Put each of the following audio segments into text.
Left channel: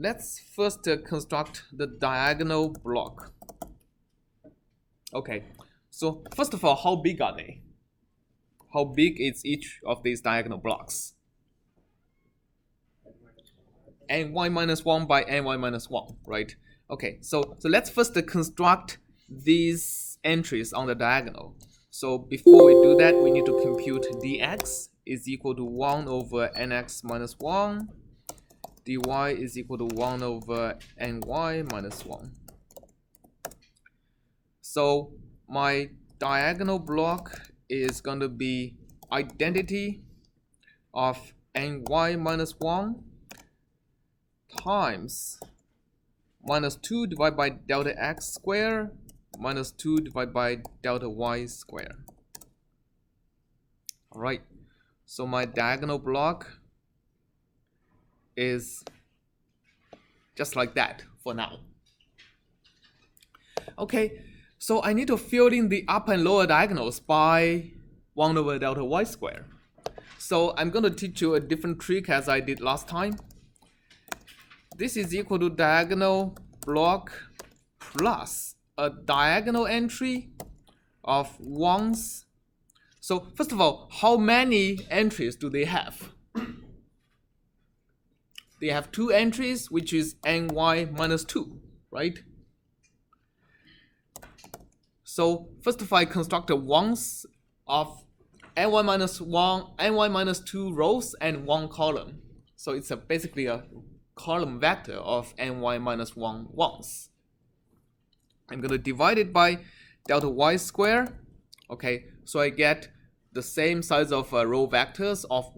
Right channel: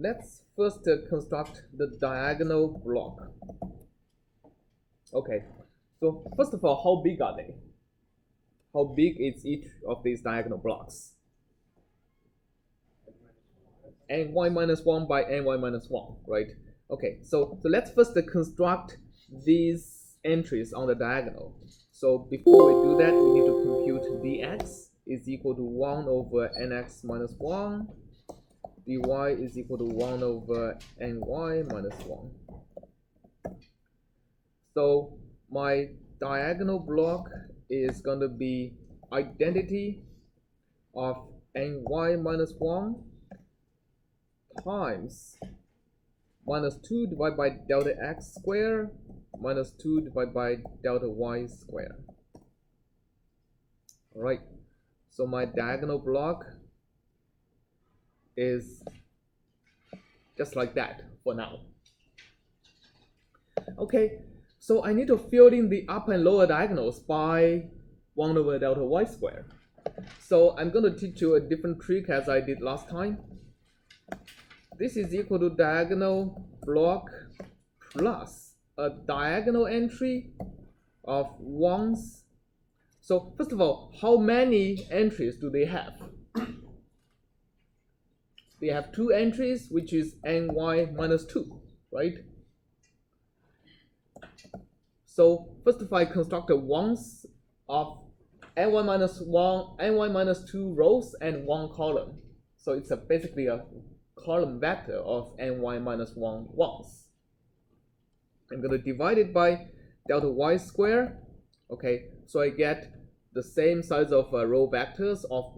let's first construct the diagonal block. Okay, so first of all, how big are they? How big is each of these diagonal blocks? ny minus 1 by ny minus 1, right? Okay, so let's first construct these entries on the diagonal. So before we do that, we need to compute dx is equal to 1 over nx minus 1, dy is equal to 1 over ny minus 1. So my diagonal block is going to be identity of ny minus 1 times minus 2 divided by delta x squared minus 2 divided by delta y squared. All right, so my diagonal block is just like that for now. Okay, so I need to fill in the upper and lower diagonals by 1 over delta y squared. So I'm going to teach you a different trick as I did last time. This is equal to diagonal block plus a diagonal entry of 1s. So first of all, how many entries do they have? They have 2 entries, which is ny minus 2, right? So first of all, I construct a 1s of ny minus 1, ny minus 2 rows and 1 column. So it's basically a column vector of ny minus 1 ones. I'm going to divide it by delta y squared. Okay, so I get the same size of row vectors of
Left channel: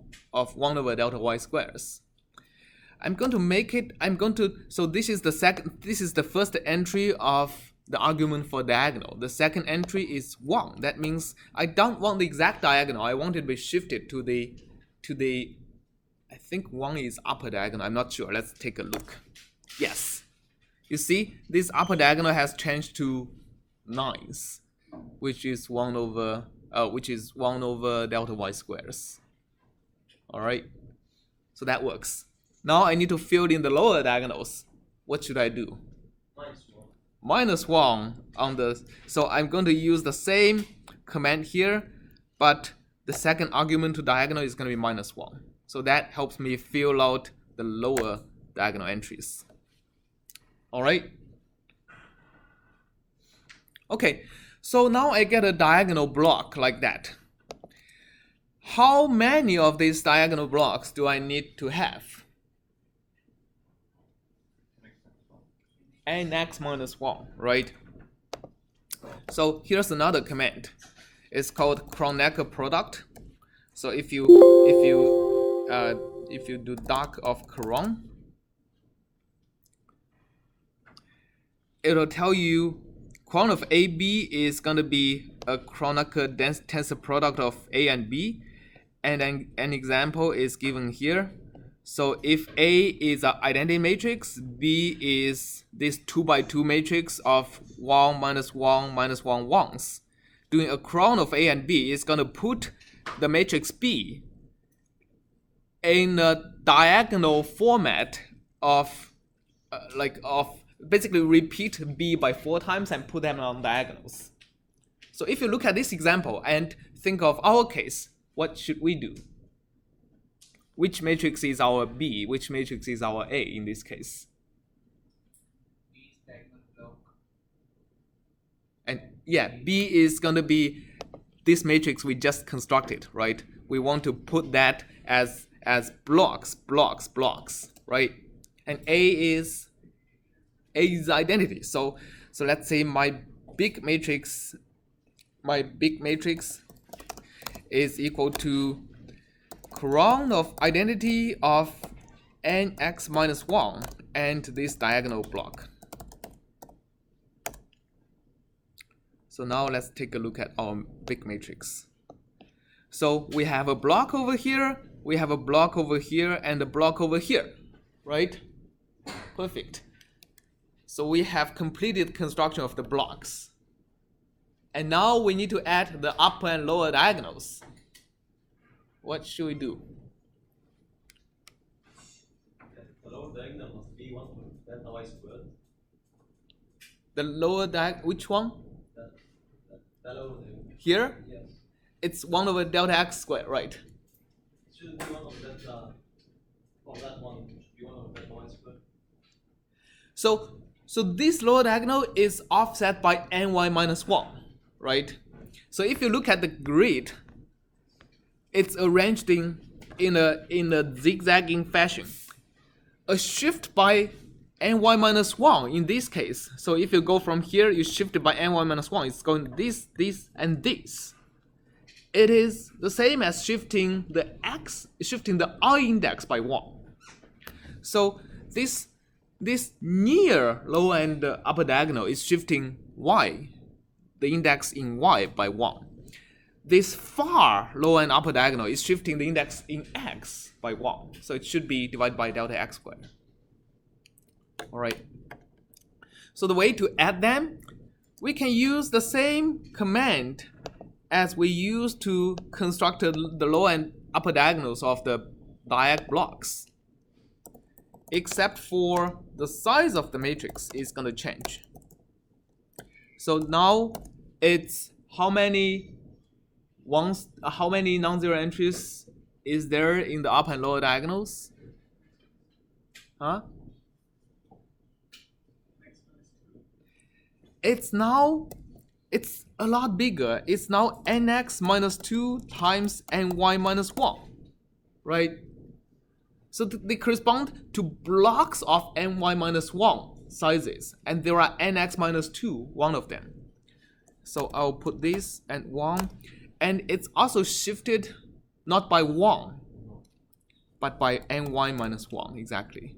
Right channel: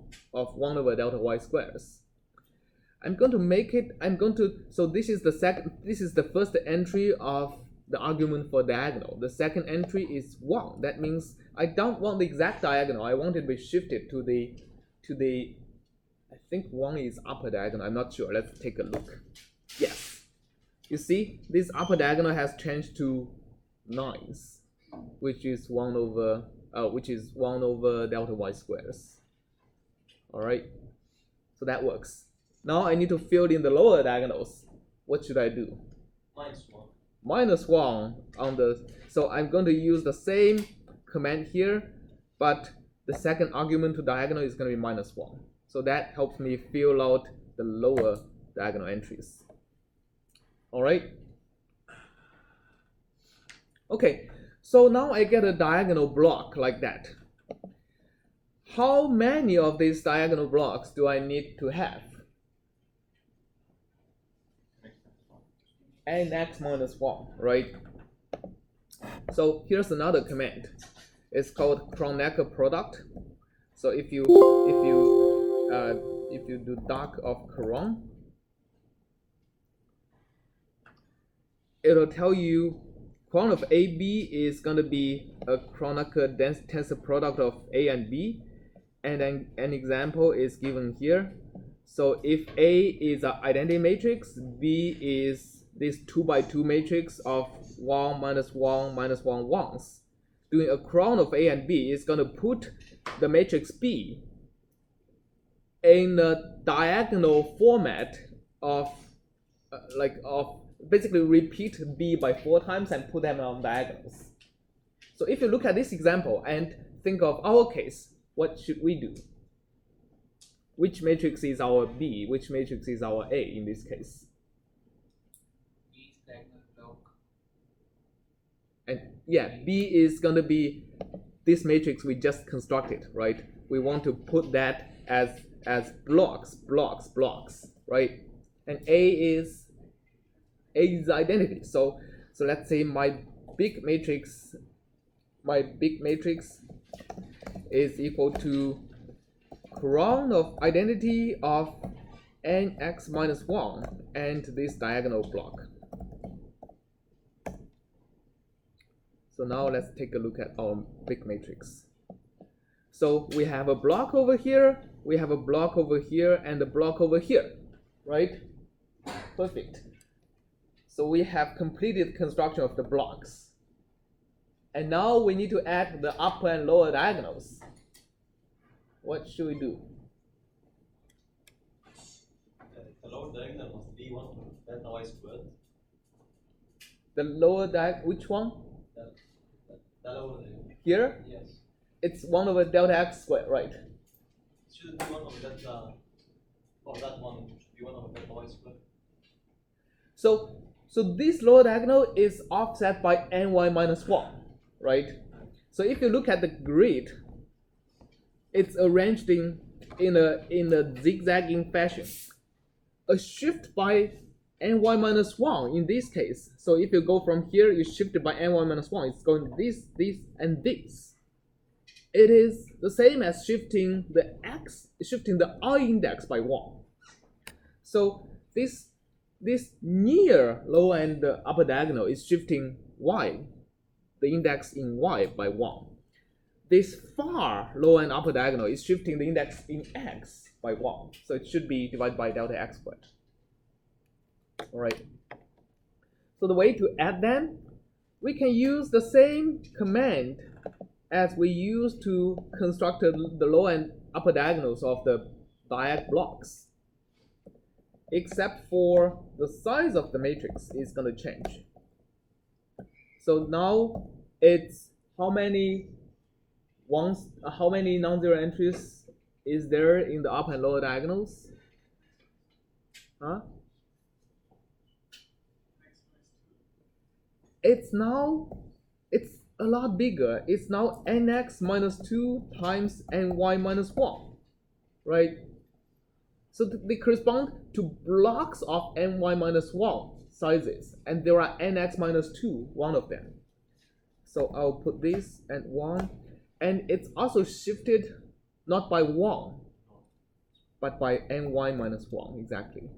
1 over delta y squares. I'm going to make it, so this is the first entry of the argument for diagonal. The second entry is 1. That means I don't want the exact diagonal. I want it to be shifted to the I think 1 is upper diagonal. I'm not sure. Let's take a look. Yes. You see, this upper diagonal has changed to 9s, which is 1 over delta y squares. All right. So that works. Now I need to fill in the lower diagonals. What should I do? Minus 1 on the, so I'm going to use the same command here, but the second argument to diagonal is going to be minus 1. So that helps me fill out the lower diagonal entries. All right. Okay, so now I get a diagonal block like that. How many of these diagonal blocks do I need to have? Nx minus 1, right? So here's another command. It's called Kronecker product. So if you do doc of Kron, it'll tell you Kron of AB is going to be a Kronecker tensor product of A and B, and then an example is given here. So if A is an identity matrix, B is this 2 by 2 matrix of 1 minus 1 minus 1 ones. Doing a Kron of A and B is going to put the matrix B in a diagonal format of basically repeat B by 4 times and put them on diagonals. So if you look at this example and think of our case, what should we do? Which matrix is our B? Which matrix is our A in this case? And yeah, B is going to be this matrix we just constructed, right? We want to put that as blocks, right? And A is identity. So let's say my big matrix is equal to Kron of identity of nx minus 1 and this diagonal block. So now let's take a look at our big matrix. So we have a block over here, we have a block over here, and a block over here, right? Perfect. So we have completed construction of the blocks. And now we need to add the upper and lower diagonals. What should we do? The lower diagonal must be d1 of delta y squared. The lower which one? That over there. Here? Yes. It's 1 over delta x squared, right? Should be 1 over delta, or that one should be 1 over delta y squared. So this lower diagonal is offset by ny minus 1, right? So if you look at the grid, it's arranged in a zigzagging fashion. A shift by ny minus 1 in this case. So if you go from here, you shift it by ny minus 1. It's going this, and this. It is the same as shifting the I index by 1. So this near lower and upper diagonal is shifting y, the index in y by 1. This far lower and upper diagonal is shifting the index in x by 1. So it should be divided by delta x squared. All right. So the way to add them, we can use the same command as we used to construct the lower and upper diagonals of the diag blocks, except for the size of the matrix is going to change. So now it's how many non-zero entries is there in the upper and lower diagonals? Huh? It's a lot bigger. It's now nx minus 2 times ny minus 1, right? So they correspond to blocks of ny minus 1 sizes, and there are nx minus 2, one of them. So I'll put this and 1, and it's also shifted not by 1, but by ny minus 1, exactly.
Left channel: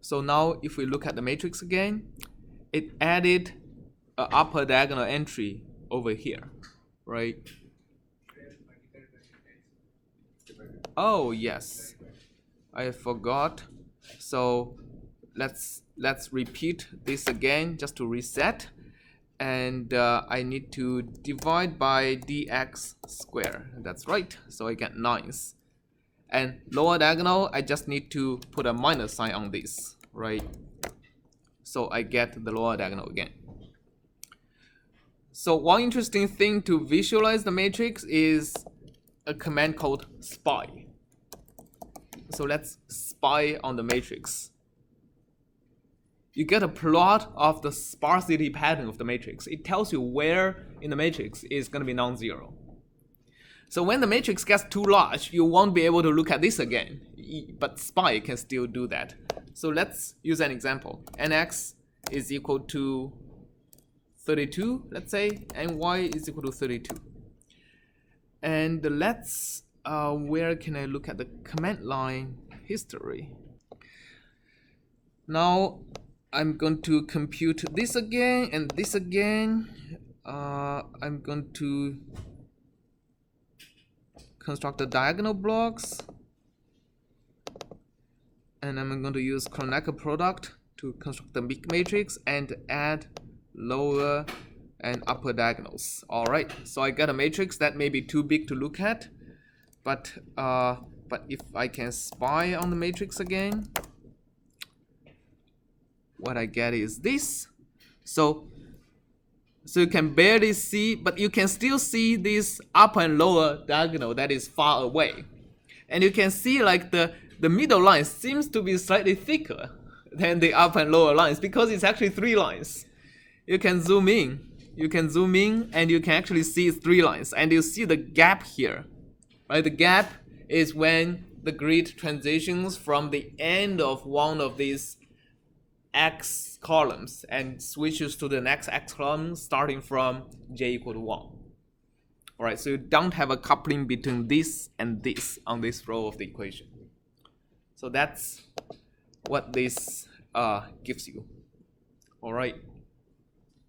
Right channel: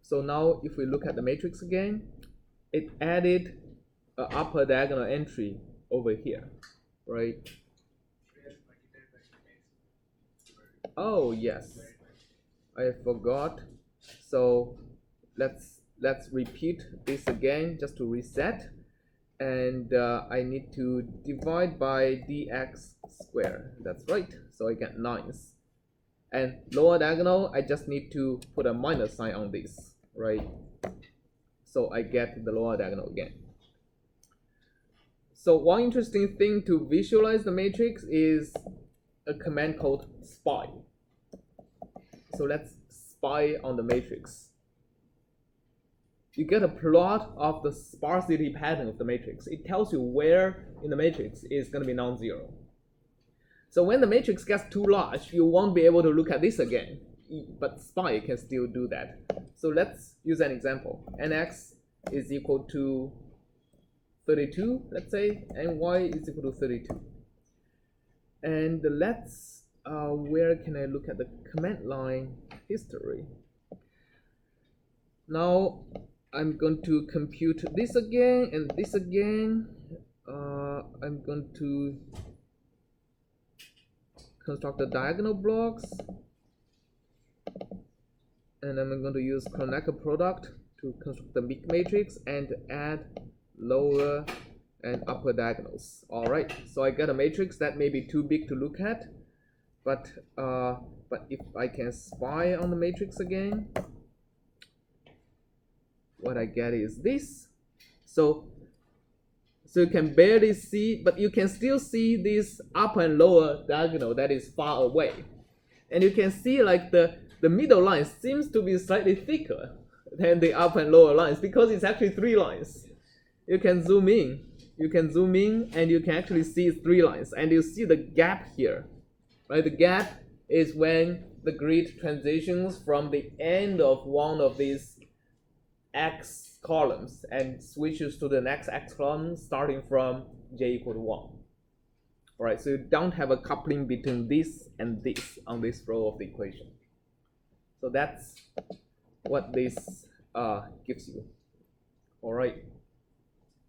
So now if we look at the matrix again, it added an upper diagonal entry over here, right? Oh yes, I forgot. So let's repeat this again just to reset, and I need to divide by dx squared. That's right. So I get 9s. And lower diagonal, I just need to put a minus sign on this, right? So I get the lower diagonal again. So one interesting thing to visualize the matrix is a command called spy. So let's spy on the matrix. You get a plot of the sparsity pattern of the matrix. It tells you where in the matrix is going to be non-zero. So when the matrix gets too large, you won't be able to look at this again, but spy can still do that. So let's use an example. Nx is equal to 32, let's say, and y is equal to 32. And let's, where can I look at the command line history? Now I'm going to compute this again and this again. I'm going to construct the diagonal blocks, and I'm going to use Kronecker product to construct the big matrix and add lower and upper diagonals. All right, so I got a matrix that may be too big to look at, but if I can spy on the matrix again, what I get is this. So you can barely see, but you can still see this upper and lower diagonal that is far away. And you can see like the middle line seems to be slightly thicker than the upper and lower lines because it's actually 3 lines. You can zoom in. And you can actually see 3 lines. And you see the gap here, right? The gap is when the grid transitions from the end of one of these x columns and switches to the next x column starting from j equal to 1. All right, so you don't have a coupling between this and this on this row of the equation. So that's what this gives you. All right.